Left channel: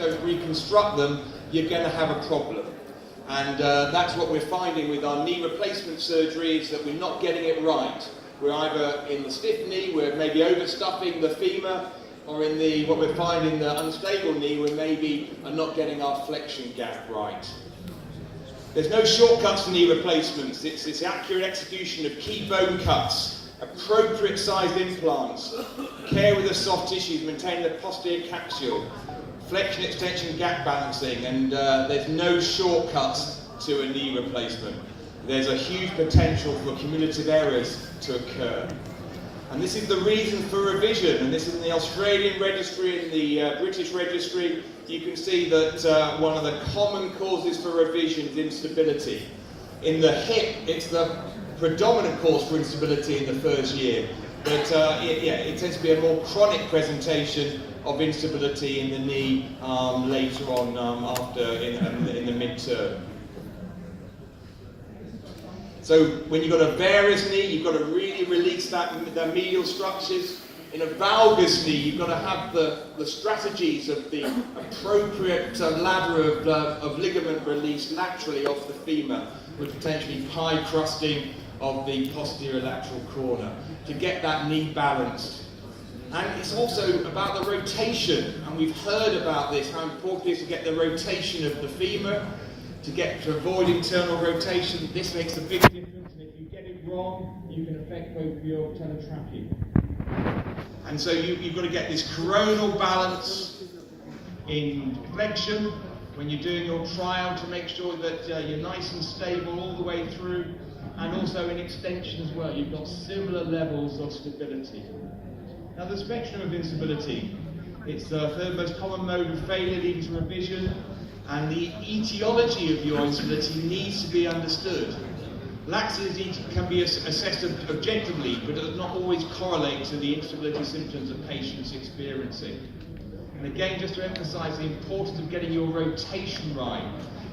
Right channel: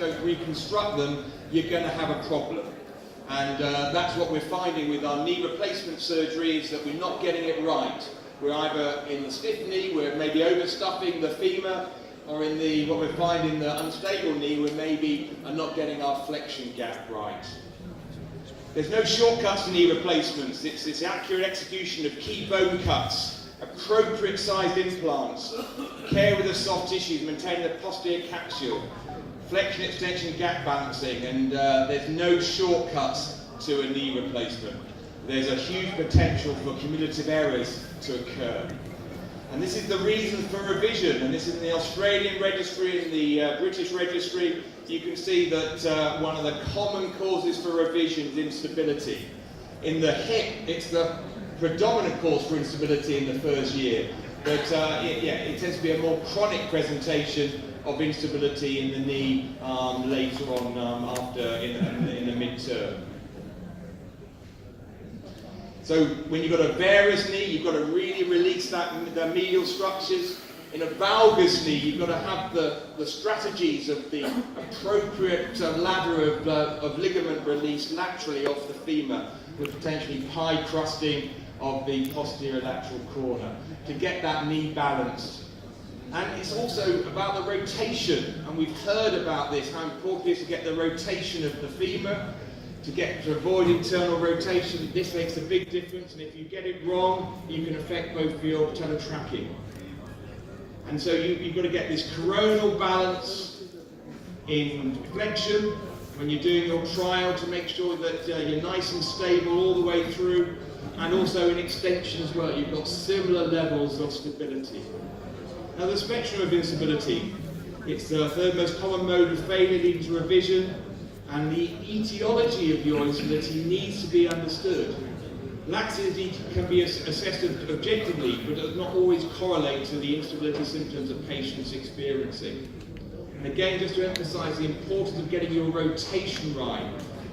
don't reconstruct them, you're going to have a problem. And that's what we're finding with our knee replacement surgeries, that we're not getting it right. We're either in the stiff knee, we're maybe overstuffing the femur, or in the what we're finding the unstable knee, we're maybe not getting our flexion gap right. There's no shortcuts to knee replacements. It's this accurate execution of key bone cuts, appropriate sized implants, care with the soft tissues, maintain the posterior capsule, flexion extension gap balancing, and there's no shortcuts to a knee replacement. There's a huge potential for cumulative errors to occur. And this is the reason for revision, and this is in the Australian registry, in the British registry. You can see that one of the common causes for revision is instability. In the hip, it's the predominant cause for instability in the first year, but it tends to be a more chronic presentation of instability in the knee later on in the midterm. So when you've got a varus knee, you've got to really release the medial structures. In a valgus knee, you've got to have the strategies of the appropriate ladder of ligament release laterally off the femur, with potentially pie crusting of the posterior lateral corner to get that knee balanced. And it's also about the rotation, and we've heard about this, how important it is to get the rotation of the femur, to avoid internal rotation. This makes a big difference, and if you get it wrong, you can affect both of your patellar tracking. And so you've got to get this coronal balance in flexion when you're doing your trial, to make sure that you're nice and stable all the way through, and also in extension as well. You've got similar levels of stability. Now, the spectrum of instability, it's the third most common mode of failure leading to revision, and the etiology of your instability needs to be understood. Laxity can be assessed objectively, but does not always correlate to the instability symptoms that patients are experiencing. And again, just to emphasize the importance of getting your rotation right,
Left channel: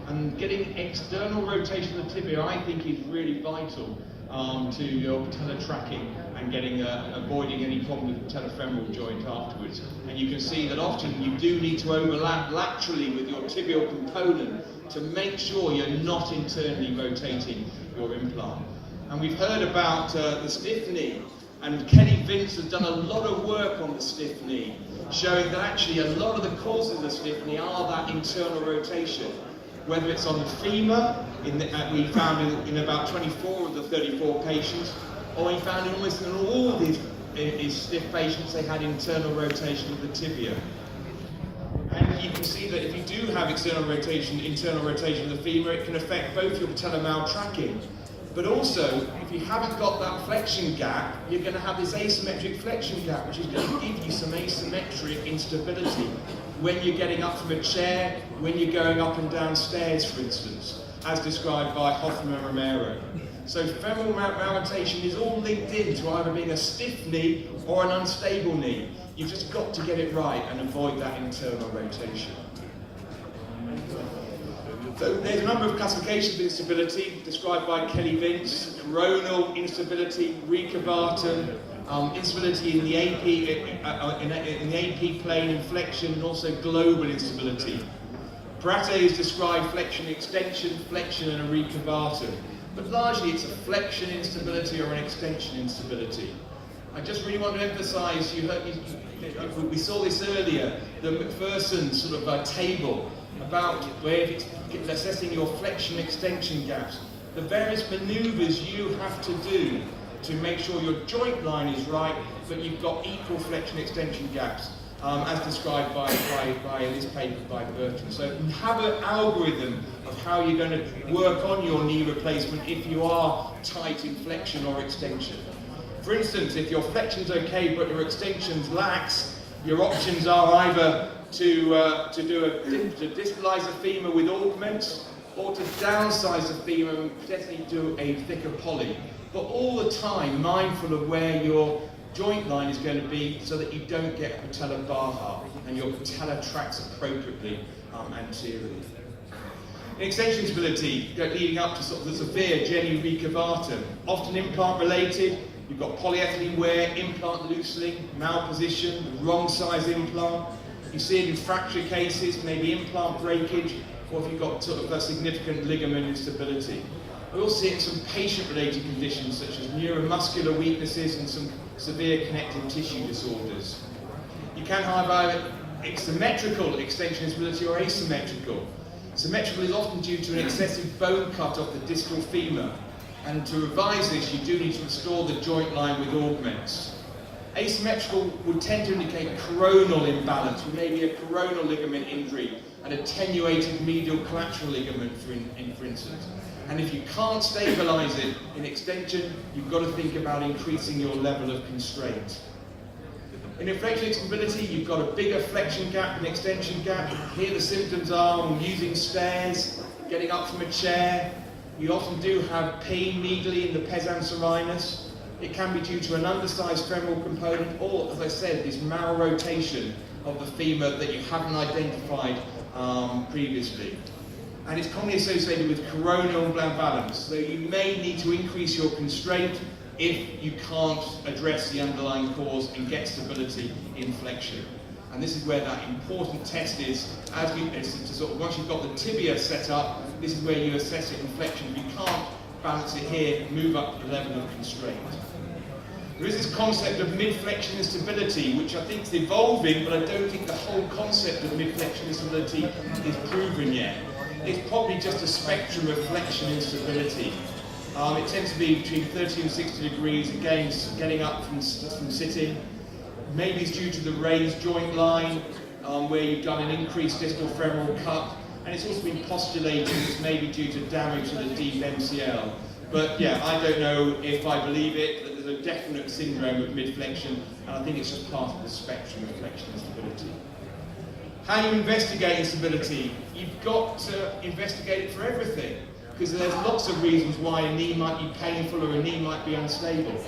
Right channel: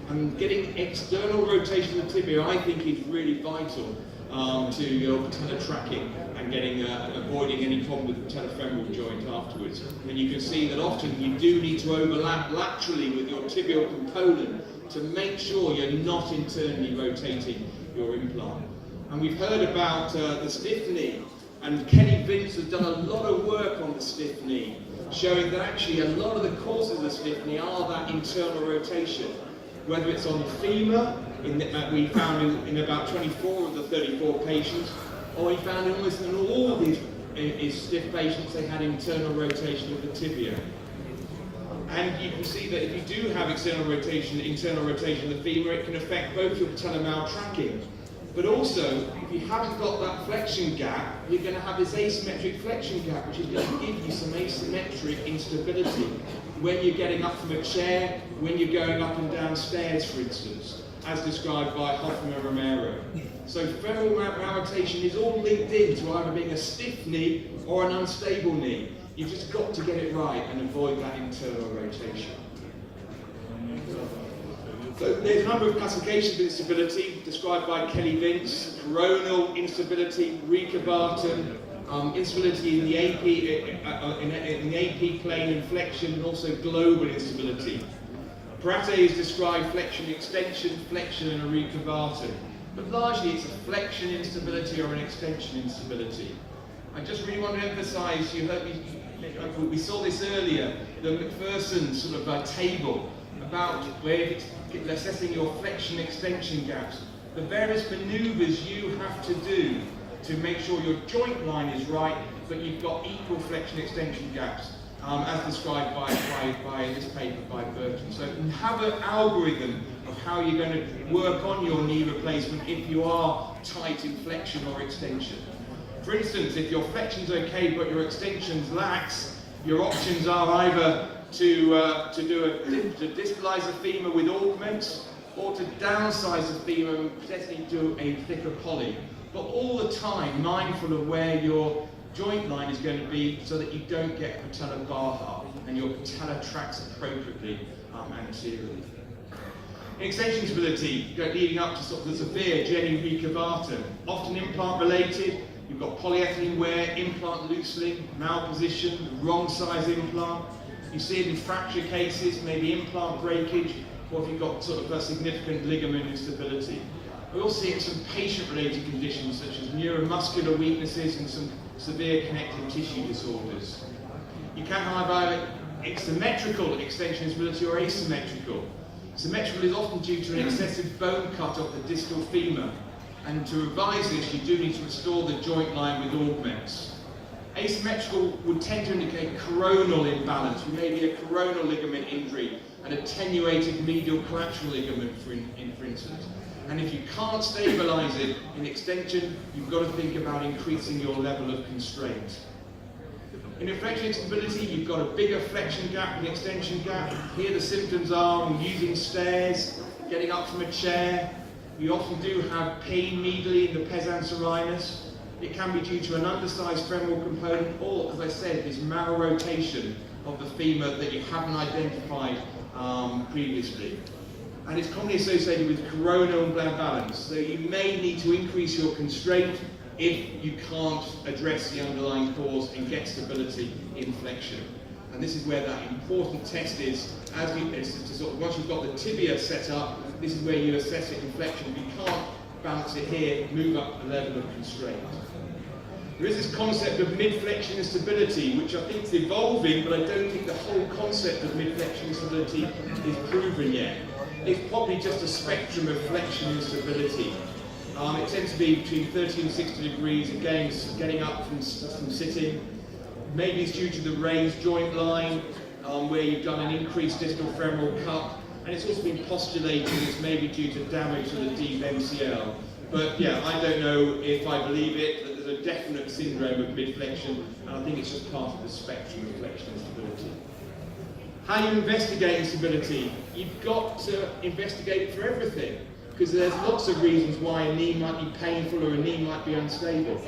and getting external rotation of the tibia, I think, is really vital to your patellar tracking and avoiding any problem with the patellofemoral joint afterwards. And you can see that often you do need to overlap laterally with your tibial component to make sure you're not internally rotating your implant. And we've heard about the stiff knee, and Kelly Vince has done a lot of work on the stiff knee, showing that actually a lot of the causes of the stiff knee are that internal rotation. Whether it's on the femur, we found in about 24 of the 34 patients, or we found in almost in all of these stiff patients, they had internal rotation of the tibia. And you can see that if you do have internal rotation of the femur, it can affect both your patellar maltracking. But also, if you haven't got that flexion gap, you're going to have this asymmetric flexion gap, which is going to give you some asymmetric instability when you're getting up from a chair, when you're going up and down stairs, for instance, as described by Hoffman and Romero. So femoral malrotation is all linked in to either being a stiff knee or an unstable knee. You've just got to get it right and avoid that internal rotation. So there's a number of classifications of instability described by Kelly Vince: coronal instability, recurvatum, instability in the AP plane and flexion, and also global instability. Parate is described flexion extension, flexion and a recurvatum. But largely it's a flexion instability or an extension instability. I just really want to emphasize, we saw this earlier, the McPherson sort of table about where it's assessing your flexion extension gaps. The various maneuvers you have to do to make sure your joint line is right, but you've got equal flexion extension gaps, as described by this paper by Burton. So have an algorithm of how you're going to work on your knee replacement if you are tight in flexion or extension. For instance, if your flexion's okay but your extension's lax, your options are either to distalize the femur with augments, or to downsize the femur and potentially do a thicker poly. But all the time mindful of where your joint line is going to be, so that you don't get patellar baha and your patella tracks appropriately anteriorly. In extension stability, leading up to sort of the severe Jenny recurvatum, often implant related. You've got polyethylene wear, implant loosening, malposition, wrong size implant. You see it in fracture cases, maybe implant breakage, or if you've got sort of a significant ligament instability. We also see it in some patient-related conditions such as neuromuscular weaknesses and some severe connective tissue disorders. You can have either symmetrical extension instability or asymmetrical. Symmetrical is often due to an excessive bone cut off the distal femur, and to revise this you do need to restore the joint line with augments. Asymmetrical would tend to indicate coronal imbalance, maybe a coronal ligament injury, an attenuated medial collateral ligament for instance. And if you can't stabilise it in extension, you've got to think about increasing your level of constraint. In flexion instability, you've got a bigger flexion gap and extension gap. Here the symptoms are using stairs, getting up from a chair. We often do have pain medially in the pes anserinus. It can be due to an undersized femoral component or, as I said, this malrotation of the femur that you haven't identified previously. And it's commonly associated with coronal imbalance. So you may need to increase your constraint if you can't address the underlying cause and get stability in flexion. And this is where that important test is. Once you've got the tibia set up, this is where you assess it in flexion. If you can't balance it here, move up the level of constraint. There is this concept of mid-flexion instability, which I think is evolving, but I don't think the whole concept of mid-flexion instability is proven yet. It's probably just a spectrum of flexion instability. It tends to be between 30 and 60 degrees, again, getting up from sitting. Maybe it's due to the raised joint line, where you've done an increased distal femoral cut, and it's also been postulated it's maybe due to damage to the deep MCL. But yeah, I don't know if I believe it, that there's a definite syndrome of mid-flexion, and I think it's just part of the spectrum of flexion instability. How you investigate instability? You've got to investigate for everything, because there's lots of reasons why a knee might be painful or a knee might be unstable.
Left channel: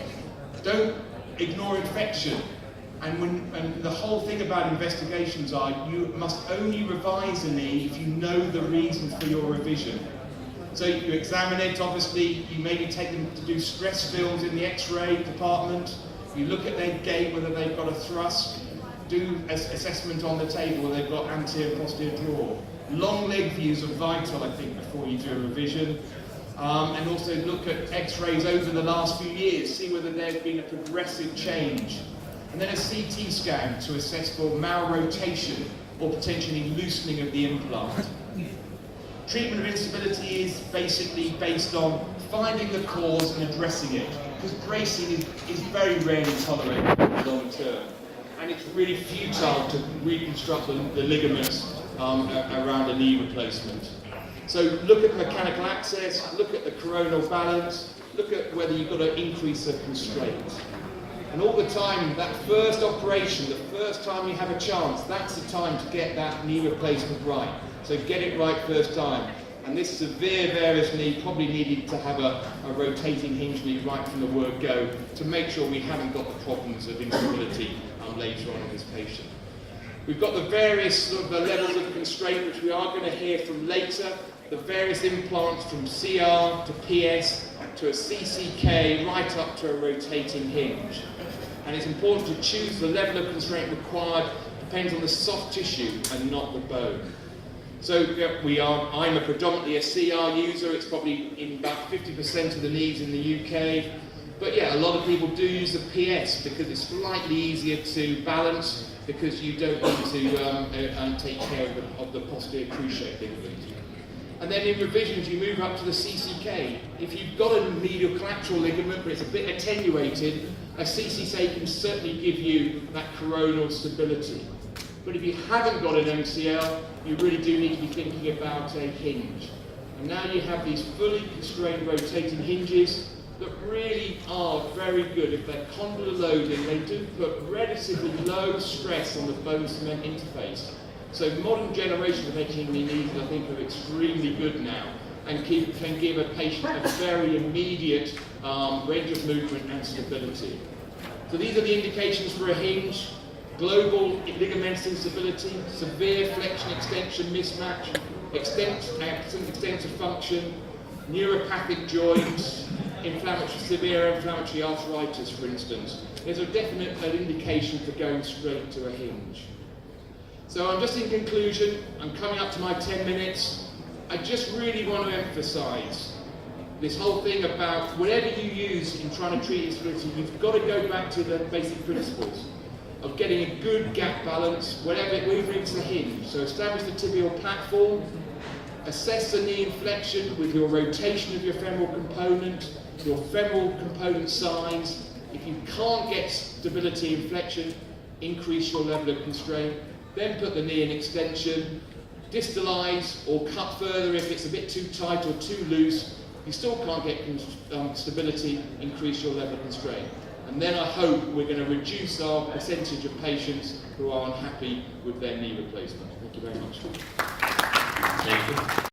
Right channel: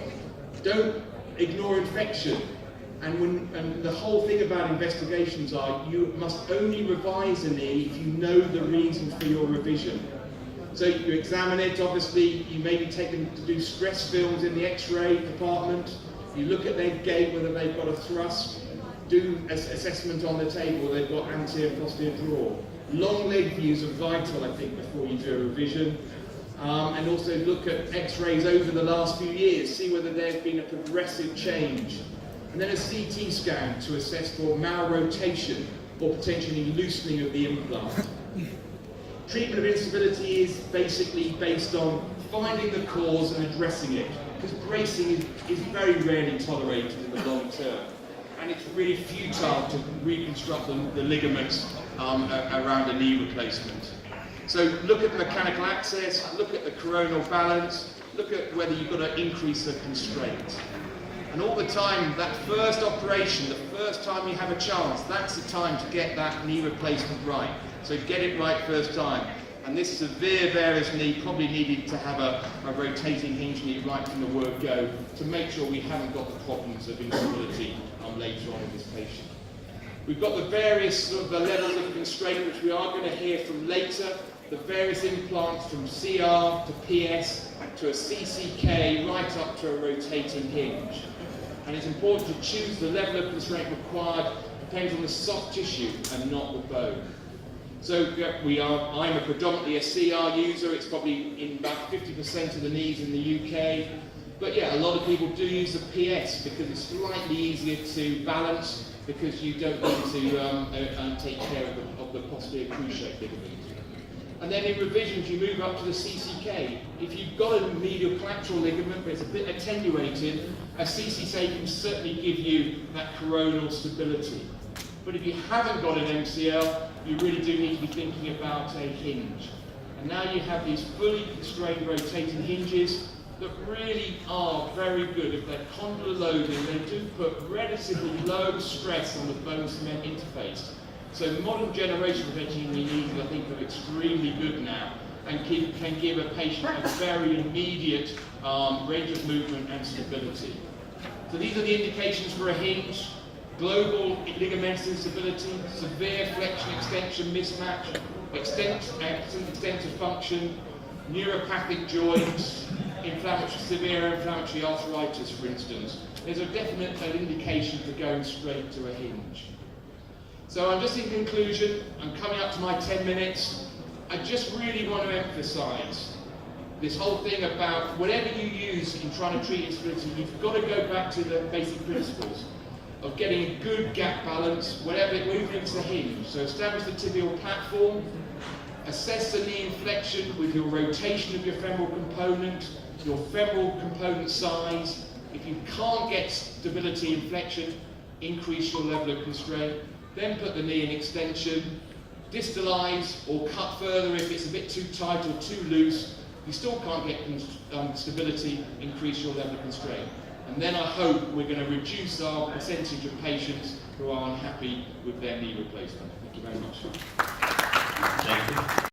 Don't ignore infection. And the whole thing about investigations are you must only revise a knee if you know the reason for your revision. So you examine it, obviously, you maybe take them to do stress films in the X-ray department, you look at their gait, whether they've got a thrust, do an assessment on the table, whether they've got anterior posterior draw. Long leg views are vital, I think, before you do a revision. And also look at X-rays over the last few years, see whether there's been a progressive change. And then a CT scan to assess for malrotation or potentially loosening of the implant. Treatment of instability is basically based on finding the cause and addressing it, because bracing is very rarely tolerated long term. And it's really futile to reconstruct the ligaments around a knee replacement. So look at mechanical access, look at the coronal balance, look at whether you've got to increase the constraint. And all the time, that first operation, the first time you have a chance, that's the time to get that knee replacement right. So get it right first time. And this severe varus knee probably needed to have a rotating hinge knee right from the word go to make sure we haven't got the problems of instability later on in this patient. We've got the various the levels of constraint, which we are going to hear from later. The various implants from CR to PS to a CCK right up to a rotating hinge. And it's important to choose the level of constraint required, depends on the soft tissue and not the bone. So I'm predominantly a CR user, it's probably in about 50% of the knees in the UK. But yeah, a lot of people do use the PS because it's slightly easier to balance, because you don't need to take care of the posterior cruciate ligament. And then in revisions, you move up to the CCK. If you've got a medial collateral ligament, but it's a bit attenuated, a CCK can certainly give you that coronal stability. But if you haven't got an MCL, you really do need to be thinking about a hinge. And now you have these fully constrained rotating hinges that really are very good. If they're condylar loading, they do put relatively low stress on the bone cement interface. So modern generations of rotating knees, I think, are extremely good now and can give a patient a very immediate range of movement and stability. So these are the indications for a hinge: global ligamental instability, severe flexion-extension mismatch, extensive function, neuropathic joints, severe inflammatory arthritis, for instance. There's a definite indication for going straight to a hinge. So I'm just in conclusion, I'm coming up to my 10 minutes. I just really want to emphasise this whole thing about whatever you use in trying to treat instability, you've got to go back to the basic principles of getting a good gap balance, whatever, even if it's a hinge. So establish the tibial platform, assess the knee inflection with your rotation of your femoral component, your femoral component size. If you can't get stability and flexion, increase your level of constraint. Then put the knee in extension, distalize or cut further if it's a bit too tight or too loose. You still can't get stability, increase your level of constraint. And then I hope we're going to reduce our percentage of patients who are unhappy with their knee replacement. Thank you very much. Thank you.